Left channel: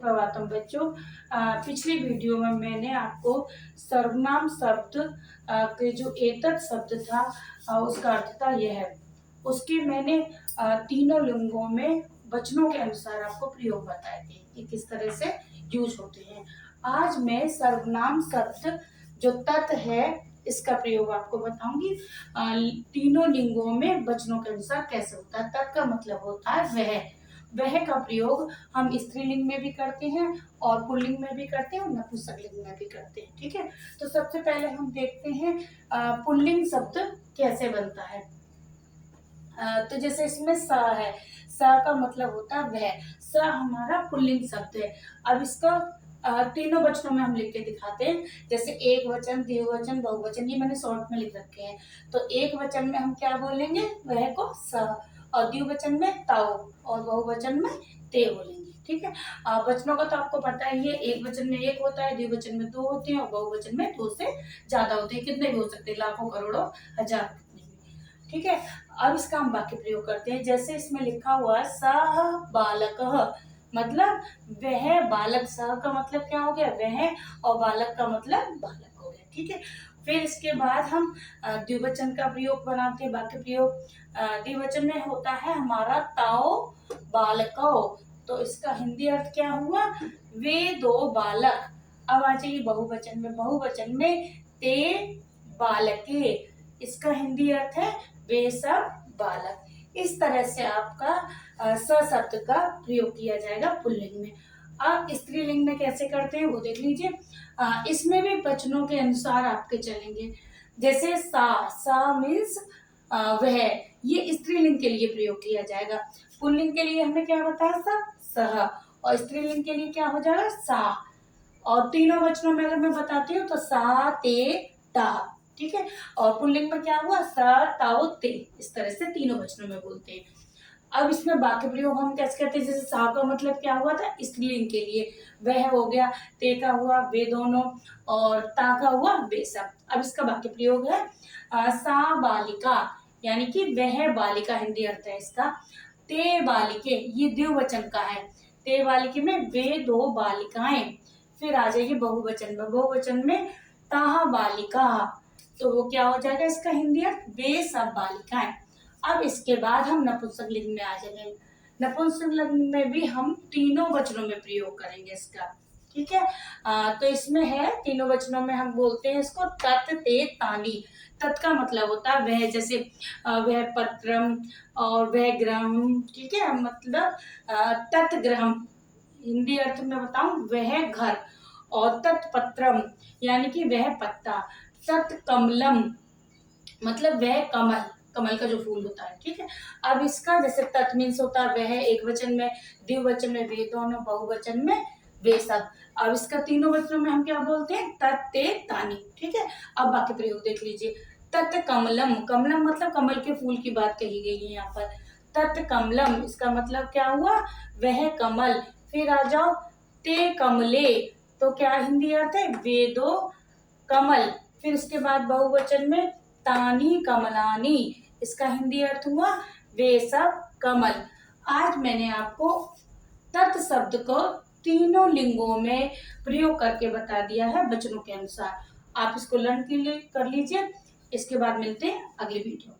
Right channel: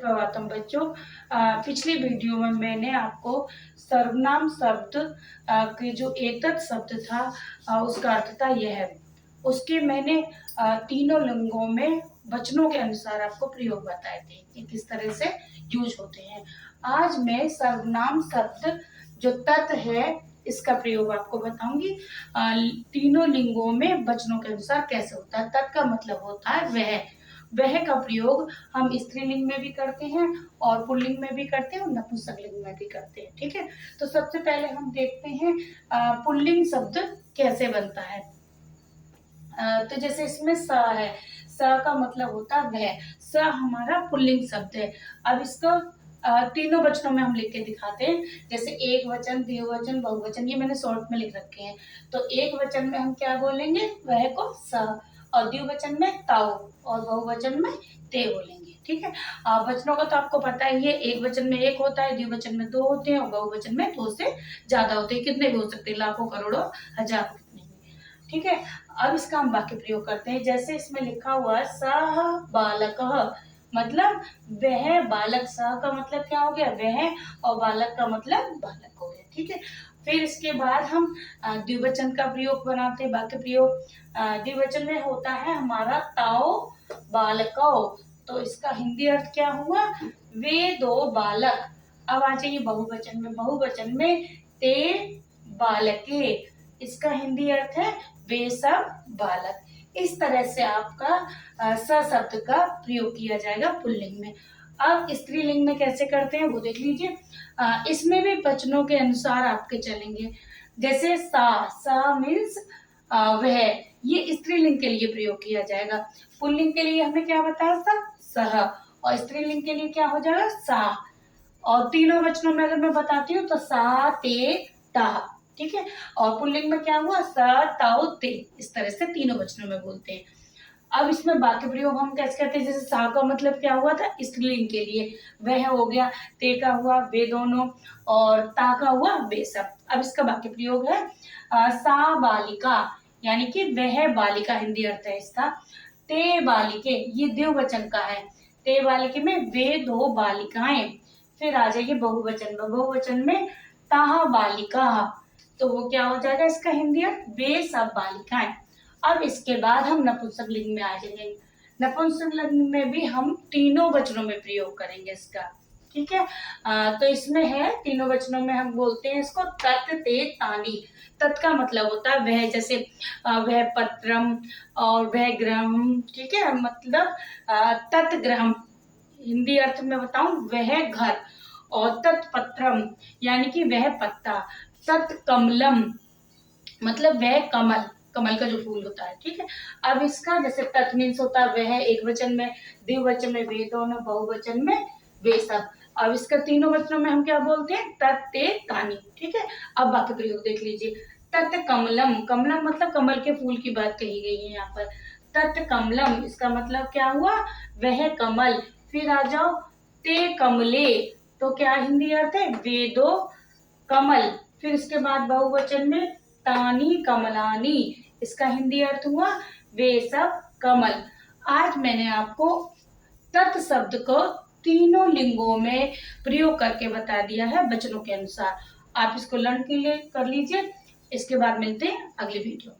सुप्रभातम बच्चों। पिछली वीडियो में मैंने आपको सर्वनाम शब्द के जो एतत् शब्द था उसका अर्थ था यह। उसके मैंने तीनों लिंगों में वचनों के अनुसार आपको प्रयोग बताए थे कि किस तरह से यूज होते हैं। आज मैं सर्वनाम शब्द जो तत् है इसका प्रयोग आपको बताऊंगी। तीनों लिंगों में वचनों के अनुसार कैसे होता है। तत् का मतलब होता है वह का प्रयोग हम स्त्रीलिंग में भी करते हैं और पुल्लिंग में भी करते हैं और नपुंसकलिंग में भी करते हैं। ठीक है, तो सबसे पहले हम देखते हैं पुल्लिंग शब्द कैसे बनता है। तो जैसे इसमें स है, स का मतलब होता है वह। स हमारा पुल्लिंग शब्द है। अब इसको तीनों वचनों में हम लिख के दिखाते हैं। जैसे एक वचन, द्विवचन, बहुवचन, ये मैंने शॉर्ट में लिख रखे हैं। तो एक वचन में हम क्या बोलेंगे, वह को स, और द्विवचन में ताओ, और बहुवचन में ते बोलेंगे। ठीक है, वचनों का तो आपको पता ही है, एक वचन में एक होता है, द्विवचन में दो होते हैं और बहुवचन में दो से ज्यादा होते हैं। कितने भी हो सकते हैं, लाखों, करोड़ों, हजार। ठीक है, अब इसका हम वाक्य प्रयोग करते हैं। जैसे इसमें लिखा हुआ है सः बालकः, मतलब वह बालक। सः का मतलब क्या हो गया, वह, और बालक का मतलब बालक हो गया। ठीक है, फिर इसके बाद हम द्विवचन का प्रयोग बनाते हैं, वाक्य प्रयोग। द्विवचन में होता है हमारा ताओ बालको, तो इसका हिंदी अर्थ क्या हुआ, वे दो बालक। अब आ जाइए बहुवचन में। बहुवचन में ते बालके, इसका हिंदी अर्थ है वे सब बालक। इस तरह से आपका स शब्द का प्रयोग किया जाएगा पुल्लिंग में। अब स्त्रीलिंग में कैसे करते हैं वो देख लीजिए। इसमें भी वचनों के अनुसार आपके चलेंगे। जैसे सा मीन्स वह, ये स्त्रीलिंग के लिए प्रयोग किया जाएगा। पुल्लिंग के लिए हमने क्या बताया, सह, और स्त्रीलिंग के लिए क्या हो जाएगा, सा। और तीनों वचनों में अगर मैं बताती हूँ तो सा ते ता। ठीक है, और पुल्लिंग में क्या हुआ, सा ताओ ते। इस तरह से तीनों वचनों में बोलते हैं। अब इसमें वाक्य प्रयोग हम कैसे करते हैं। जैसे सा का मतलब क्या हुआ था, स्त्रीलिंग के लिए वह हो गया, ते का हुआ वे दोनों, और ता का हुआ वे सब। अब इसका वाक्य प्रयोग है सा बालिका, यानी कि वह बालिका हिंदी अर्थ है इसका। ते बालिके, ये द्विवचन का है। ते बालिके में वे दो बालिकाएं। फिर आ जाइए बहुवचन में। बहुवचन में ताहा बालिका, तो वो क्या हो जाएगा इसका हिंदी अर्थ, वे सब बालिकाएं। अब इसके बाद हम नपुंसकलिंग में आ जाएंगे। नपुंसकलिंग में भी हम तीनों वचनों में प्रयोग करेंगे इसका। ठीक है, तो इसमें है तीनों वचनों में हम बोलते हैं इसको तत् ते तानि। तत् का मतलब होता है वह, जैसे वह पत्रम और वह गृहम। ठीक है, मतलब तत्गृहम, हिंदी अर्थ में बताऊं वह घर, और तत्पत्रम यानी कि वह पत्ता, तत्कमलम मतलब वह कमल, कमल का जो फूल होता है। ठीक है, अब इसका जैसे तत् मीन्स होता है वह एक वचन में, द्विवचन में वे दोनों, बहुवचन में वे सब। अब इसका तीनों वचनों में हम क्या बोलते हैं, तत् ते तानि। ठीक है, अब वाक्य प्रयोग देख लीजिए। तत् कमलम, कमलम मतलब कमल के फूल की बात कही गई है यहाँ पर। तत् कमलम, इसका मतलब क्या हुआ, वह कमल। फिर आ जाओ ते कमले, तो क्या हिंदी अर्थ है, वे दो कमल। फिर इसके बाद बहुवचन में तानी कमलानी, इसका हिंदी अर्थ हुआ वे सब कमल। आज मैंने आपको तत् शब्द को तीनों लिंगों में प्रयोग करके बता दिया है वचनों के अनुसार। आप इसको लर्न के लिए कर लीजिए। इसके बाद मिलते हैं अगली वीडियो।